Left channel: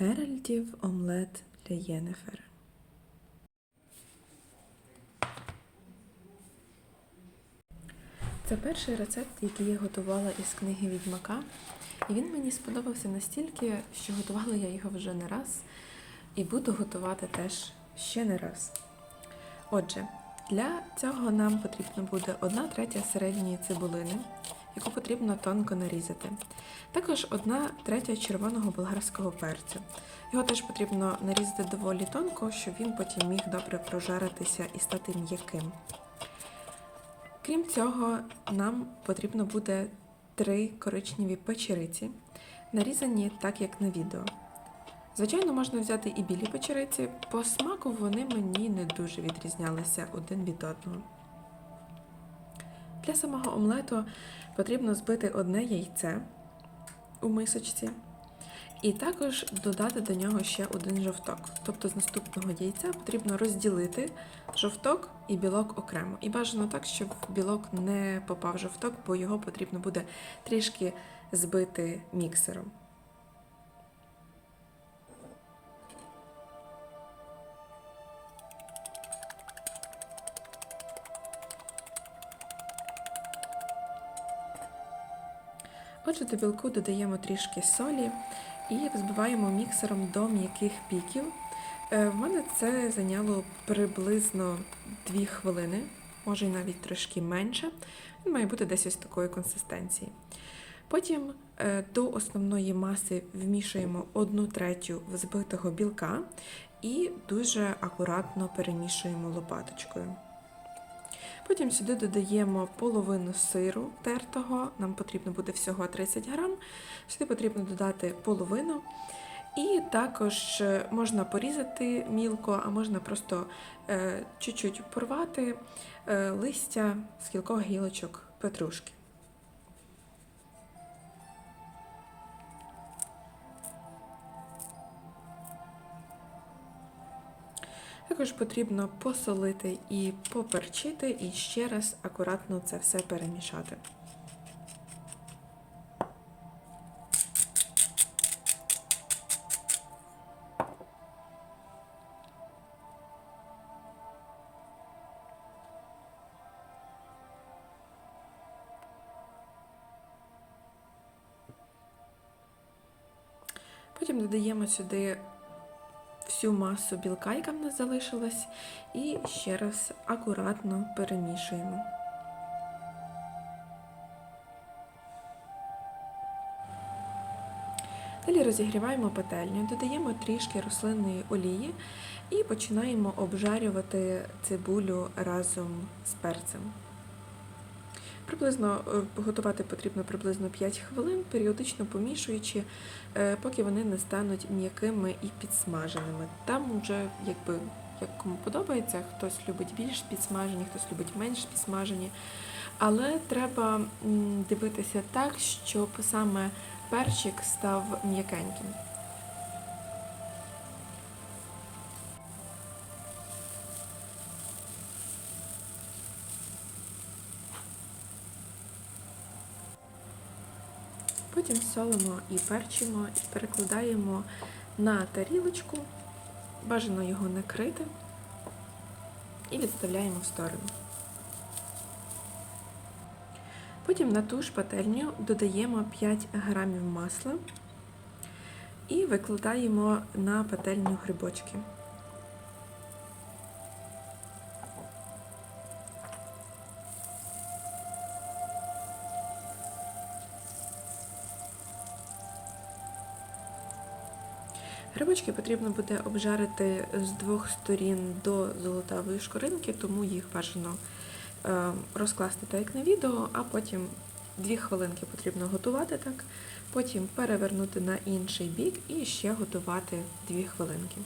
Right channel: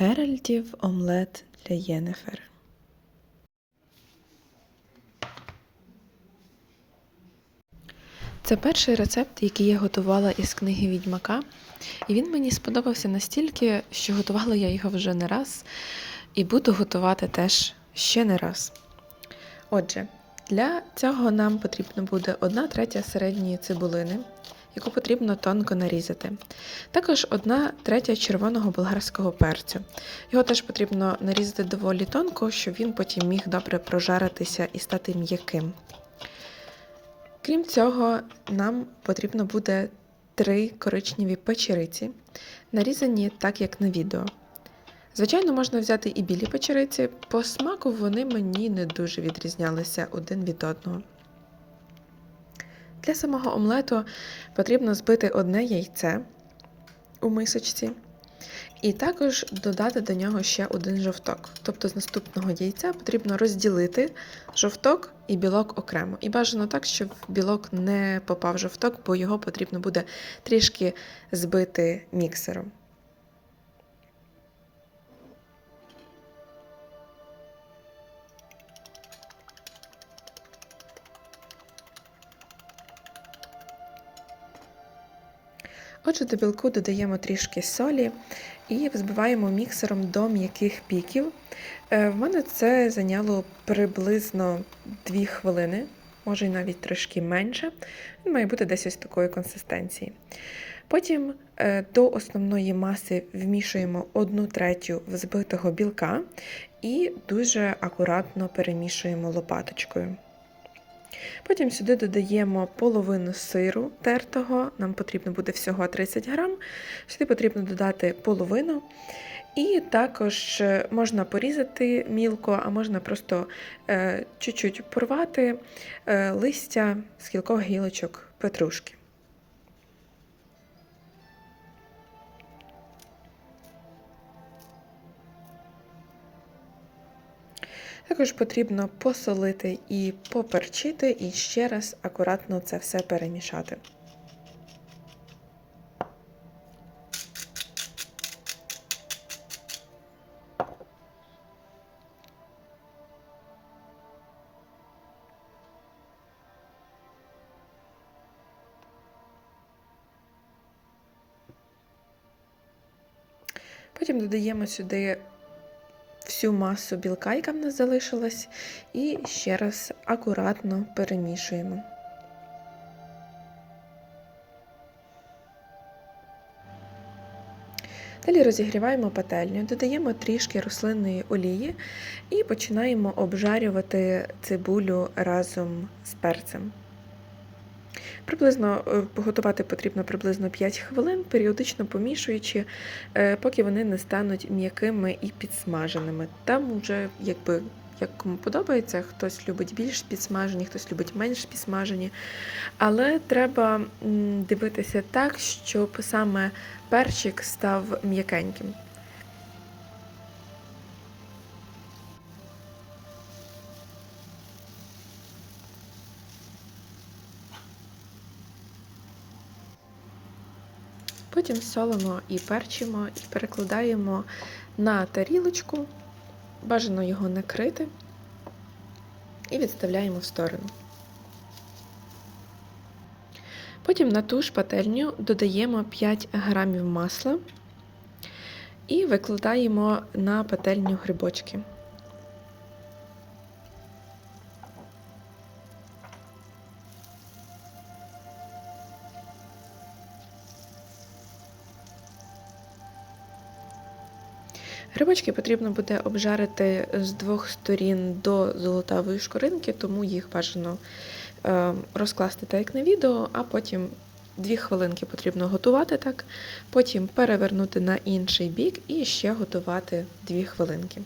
Геральтів омлет для Єнефер. Це перший рецепт, який я готувала із книги Відьмака, і він мені сподобався настільки, що готувала я його вже не раз, і буду готувати теж ще не раз. Отже, для цього нам потрібно буде 1 третя середньої цибулини, яку потрібно тонко нарізати. Також 1 третя червоного болгарського перцю. Його теж потрібно нарізати доволі тонко, щоб він потім міг добре прожаритися і стати м'яким. Крім цього, нам потрібно буде три коричневі печериці, нарізані так, як на відео. Звичайно, можна взяти і білі печериці, по смаку вони мені не дуже відрізнялися один від одного. Для самого омлету потрібно збити одне яйце у мисочці, і також додати до нього ще один жовток. Тобто з наступного яйця потрібно розділити жовток і білок окремо. І бажано так, щоб білок не попав в жовток, бо його потрібно буде трішки збити міксером. Отже, до білку додаємо трішки солі і взбиваємо міксером до м'яких піків. Е, В мене це зайняло приблизно 2 хвилини, може й навіть трошки менше. Він має бути десь ось такої консистенції. Потім е, до основної маси вмішуємо 1 третю взбитого білка і дуже акуратно перемішуємо лопаточкою. Потім сюди додаємо половину сиру тертого, нам потрібно буде всього 30 грам. Сюди потрібно додати половину. І також е, можна порізати мілко, а можна просто е, чуть-чуть порвати е, листя з кількох гілочок петрушки. Також потрібно посолити і поперчити, і ще раз акуратно це все перемішати. Потім додаємо сюди всю масу білка, яка в нас залишилась, і ще раз акуратно перемішуємо. Далі розігріваємо пательню, додаємо трішки рослинної олії і починаємо обжарювати цибулю разом з перцем. Приблизно е, готувати потрібно приблизно 5 хвилин, періодично помішуючи, е, поки вони не стануть м'якими і підсмаженими. Там вже якби як кому подобається, хтось любить більш підсмажені, хтось любить менш підсмажені. Але треба дивитися так, щоб саме перчик став м'якеньким. Потім солимо і перчимо, і перекладаємо на тарілочку, бажано його накрити і відставляємо в сторону. Потім на ту ж пательню додаємо 5 грамів масла і викладаємо на пательню грибочки. Грибочки потрібно буде обжарити з двох сторін до золотавої шкоринки, тому їх бажано е, розкласти так, як на відео, а потім дві хвилинки потрібно готувати так, потім перевернути на інший бік і ще готувати дві хвилинки.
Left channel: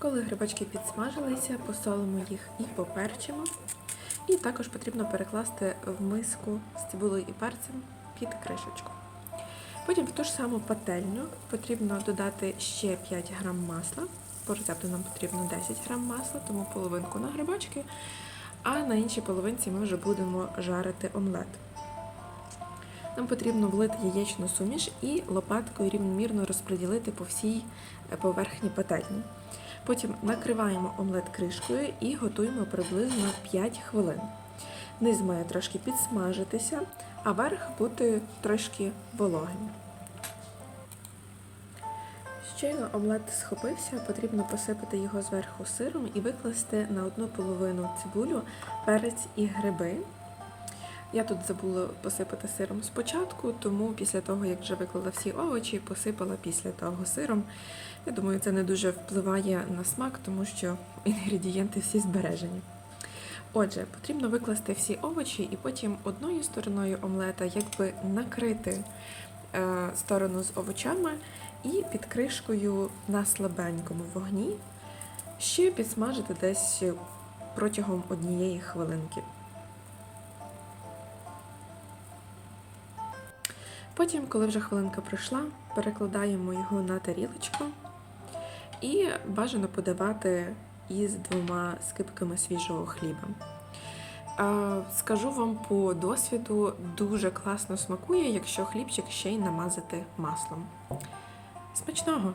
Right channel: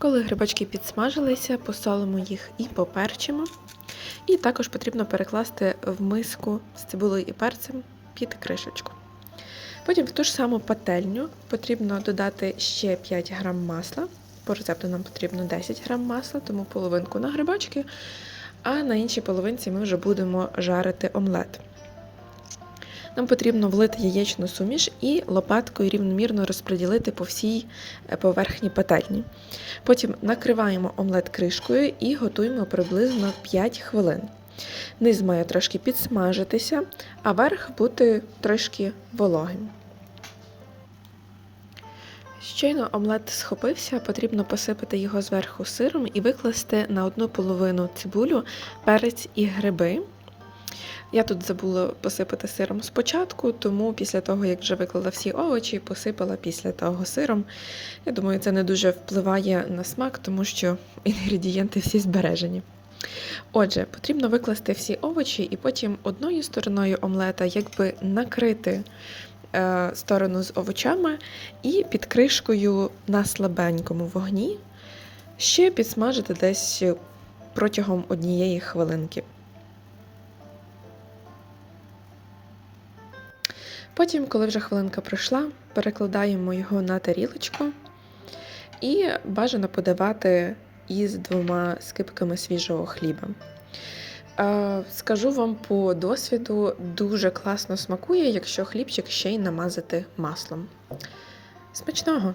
Коли грибочки підсмажилися, посолимо їх і поперчимо. І також потрібно перекласти в миску з цибулею і перцем під кришечку. Потім в ту ж саму пательню потрібно додати ще 5 грам масла. По рецепту нам потрібно 10 грам масла, тому половинку на грибочки, а на іншій половинці ми вже будемо жарити омлет. Нам потрібно влити яєчну суміш і лопаткою рівномірно розподілити по всій е, поверхні пательні. Потім накриваємо омлет кришкою і готуємо приблизно 5 хвилин. Низ має трошки підсмажитися, а верх бути трошки вологим. Щойно омлет схопився, потрібно посипати його зверху сиром і викласти на одну половину цибулю, перець і гриби. Я тут забула посипати сиром спочатку, тому після того, як вже виклала всі овочі, посипала після того сиром. Я думаю, це не дуже впливає на смак, тому що інгредієнти всі збережені. Отже, потрібно викласти всі овочі і потім одною стороною омлета якби накрити е, сторону з овочами і під кришкою на слабенькому вогні ще підсмажити десь протягом однієї хвилинки. Потім, коли вже хвилинка пройшла, перекладаємо його на тарілочку і бажано подавати із двома скипками свіжого хліба. Скажу вам по досвіду, дуже класно смакує, якщо хлібчик ще й намазати маслом. Смачного!